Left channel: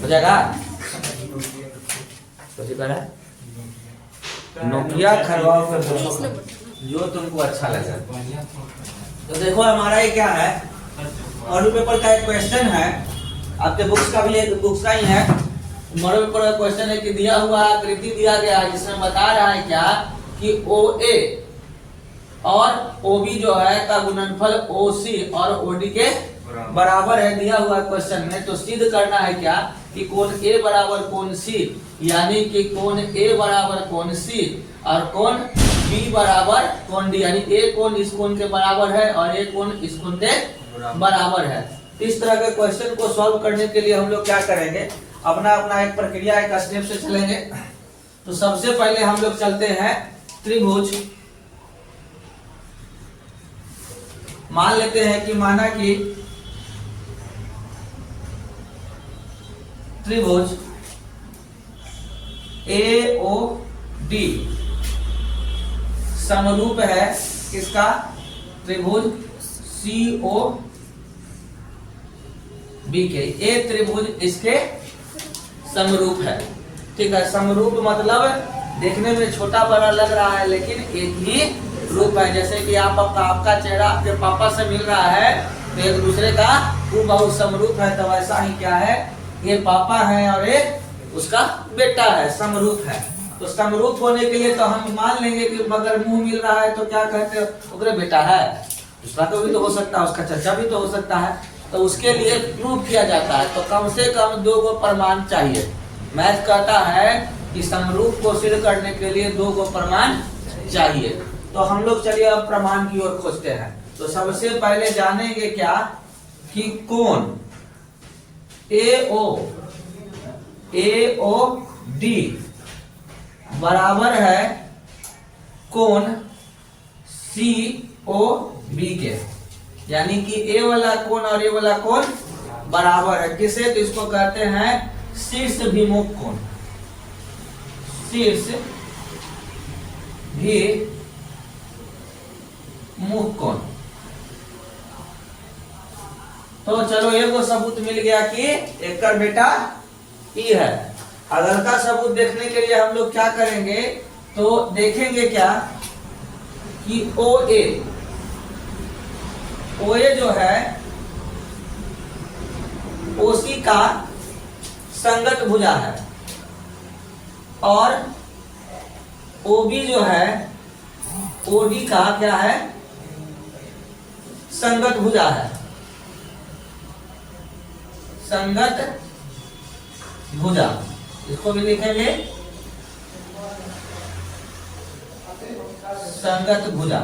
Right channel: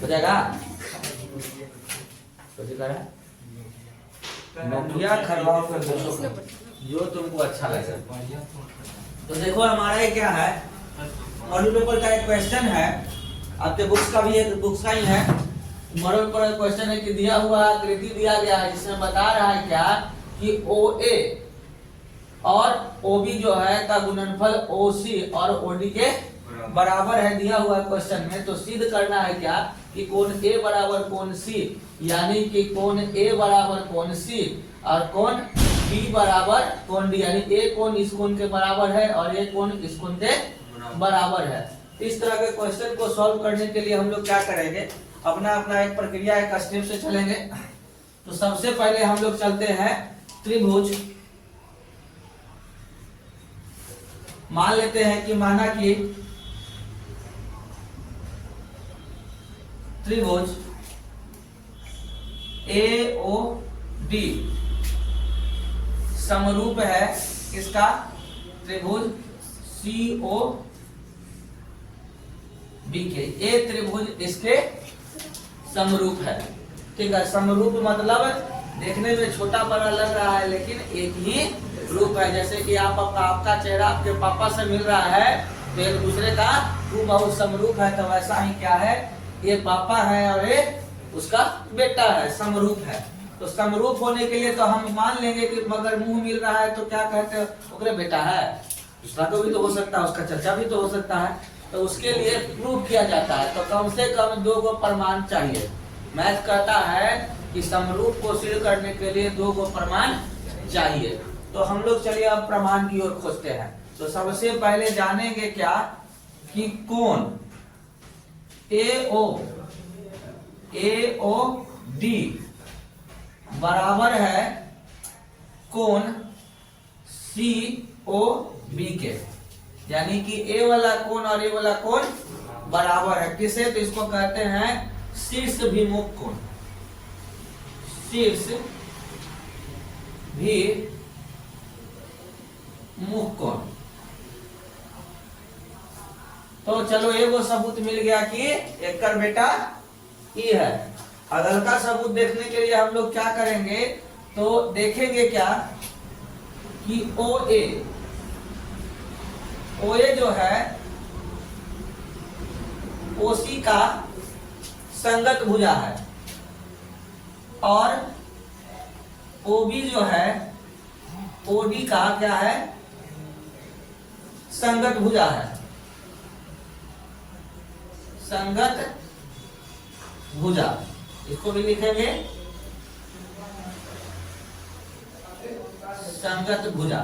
हो जाएगा। कैसे कह रहा है? नोकिया खरवाओ पे पूछो जो तुमको अच्छा लगे। तो देखो हमारा ये क्या है, मॉडल पेपर का एक क्वेश्चन है, आपके बुक्स का भी एक बुक्स का ही है। मॉडल पेपर का क्वेश्चन है कि दिया हुआ आकृति दिया गया है जिसमें बता रहा है क्या कि OA और OB जो है का गुणनफल OC और OD के बराबर है दिया हुआ क्वेश्चन में। तो सिद्ध करना है क्या कि कोण A बराबर कोण C, यानी कि कोण A बराबर कोण C और कोण B बराबर कोण D, यानी A कोण इस कोण के बराबर है और A कोण इस कोण के बराबर है। इस तरह के क्वेश्चन को सॉल्व करने के लिए हम लोग क्या करेंगे, अपना अपना एक प्रक्रिया एक स्टेप से चलेंगे। तो सबसे पहले हम लोग चलते हैं त्रिभुज। मान लेते हैं कि माना कि त्रिभुज AOD समरूप है किसका, त्रिभुज COB के। ये त्रिभुज इसके समरूप है। ठीक है, समरूप मतलब देखने में छोटा बड़ा लग रहा है लेकिन एक ही रूप है। जैसे कि आपका चेहरा आपके पापा से मिल रहा है तो एक दूसरे का हूबहू समरूप है। तो ऐसा ही क्या है, ये पापा है और ये उसका बेटा है, समरूप है। तो समरूप होने के लिए तो हम मान लेंगे कि अगर मुंह मिल रहा है तो क्या कहते हैं, ओकरे बेटा है, उसका तो भी तो हो सकता है, उसका चचा भी तो हो सकता है। तो उसके लिए प्रूव किया जाता है तो कम से कम 2 गो प्रमाण चाहिए। मैथ कहता है कि समरूप को सिद्ध करने के लिए 2 गो प्रमाण चाहिए। तो हम लोग चलिए अब प्रमाण की ओर खोजते हैं। तो सबसे पहले जानेंगे क्या कि कोण AOD बराबर है कोण COB के, यानी कि A वाला कोण और A वाला कोण बराबर है। किसे, तो इसको कहते हैं शीर्ष भिमुख कोण, शीर्ष भिमुख कोण। तो चलो एगो सबूत मिल गया कि एक का बेटा E है। अगल का सबूत देखने के लिए हम लोग क्या करेंगे, तो देखेंगे क्या कि OA जो है OC का संगत भुजा है और OB जो है OD का क्या है, संगत भुजा है, संगत भुजा। इसको भी लिखेंगे संगत भुजा।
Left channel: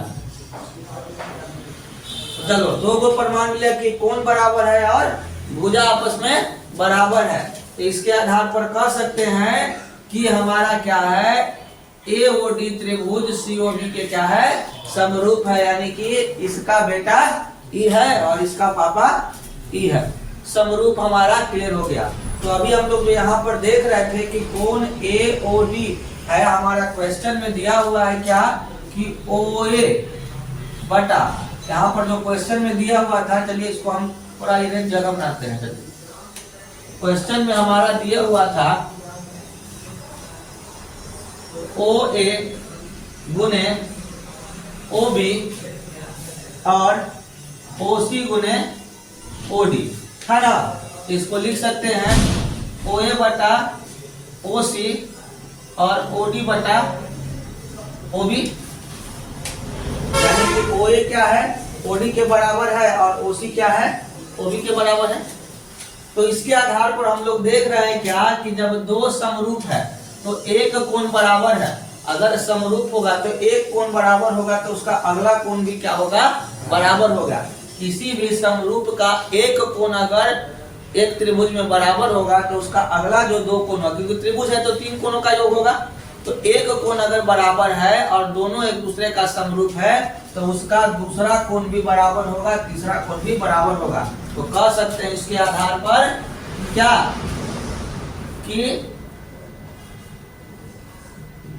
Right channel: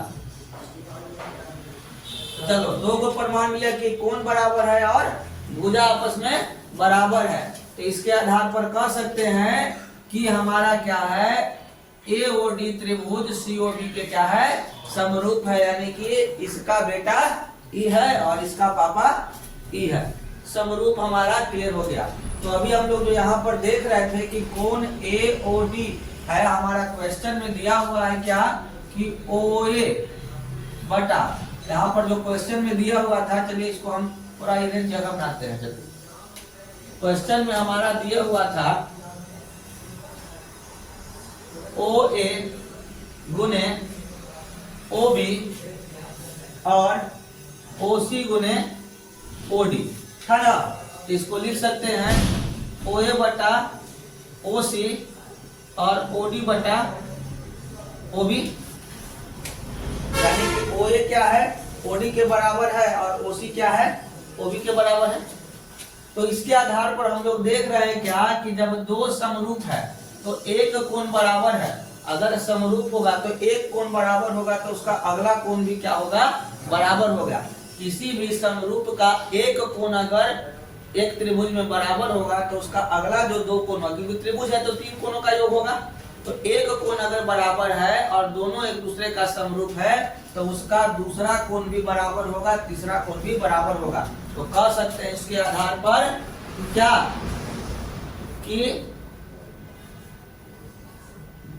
चलो 2 गो प्रमाण मिला कि कोण बराबर है और भुजा आपस में बराबर है। तो इसके आधार पर कह सकते हैं कि हमारा क्या है, AOD त्रिभुज COB के क्या है, समरूप है, यानी कि इसका बेटा E है और इसका पापा E है। समरूप हमारा क्लियर हो गया। तो अभी हम लोग जो यहाँ पर देख रहे थे कि कोण AOD है, हमारा क्वेश्चन में दिया हुआ है क्या कि OA बटा, यहाँ पर जो क्वेश्चन में दिया हुआ था, चलिए इसको हम थोड़ा इन्हें जगह बनाते हैं। क्वेश्चन में हमारा दिया हुआ था OA गुने OB और OC गुने OD है ना। इसको लिख सकते हैं OA बटा OC और OD बटा OB, यानी कि OA क्या है, OD के बराबर है और OC क्या है, OB के बराबर है। तो इसके आधार पर हम लोग देख रहे हैं क्या कि जब 2 समरूप है तो एक कोण बराबर है। अगर समरूप होगा तो एक कोण बराबर होगा तो उसका अगला कोण भी क्या होगा, बराबर होगा। किसी भी समरूप का एक कोण अगर एक त्रिभुज में बराबर होगा तो उसका अगला जो 2 कोण होगा, क्योंकि त्रिभुज है तो 3 कोणों का योग होगा। तो एक कोण अगर बराबर है और दोनों एक दूसरे का समरूप है तो उसका दूसरा कोण भी बराबर होगा, तीसरा कोण भी बराबर होगा। तो कह सकते हैं इसके आधार पर क्या कि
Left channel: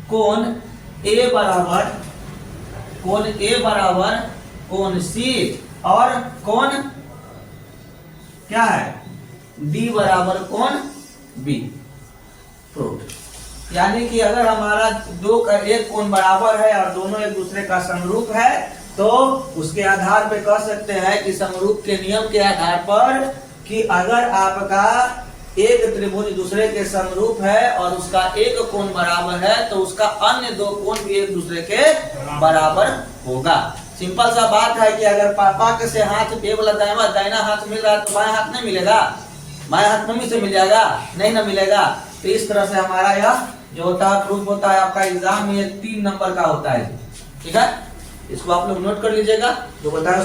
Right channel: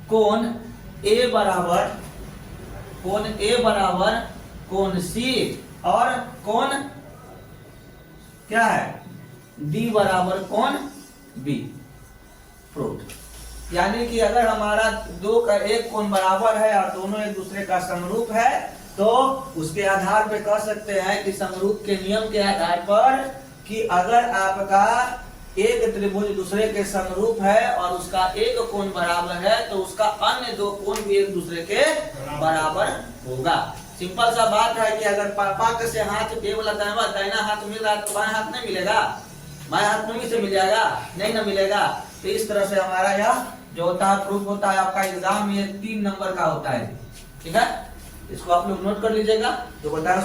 कोण A बराबर कोण C और कोण क्या है D बराबर कोण बी फ्रूट। यानी कि अगर हमारा दो का एक कोण बराबर है और दोनों एक दूसरे का समरूप है तो उसके आधार पे कह सकते हैं कि समरूप के नियम के आधार पर कि अगर आपका एक त्रिभुज दूसरे के समरूप है और उसका एक कोण बराबर है तो उसका अन्य दो कोण भी एक दूसरे के बराबर होगा। सिंपल सा बात है कि अगर पापा के से हाथ ए वाला दाहिना हाथ मिल रहा है तो बाएं हाथ नहीं मिलेगा, बाएं हाथ मम्मी से मिल जाएगा, नहीं ना मिलेगा। तो इस तरह से हमारा यह जो होता है प्रूफ होता है आपका एग्जाम में 3 नंबर का होता है। ठीक है, इसको आप लोग नोट कर लीजिएगा जो बताया।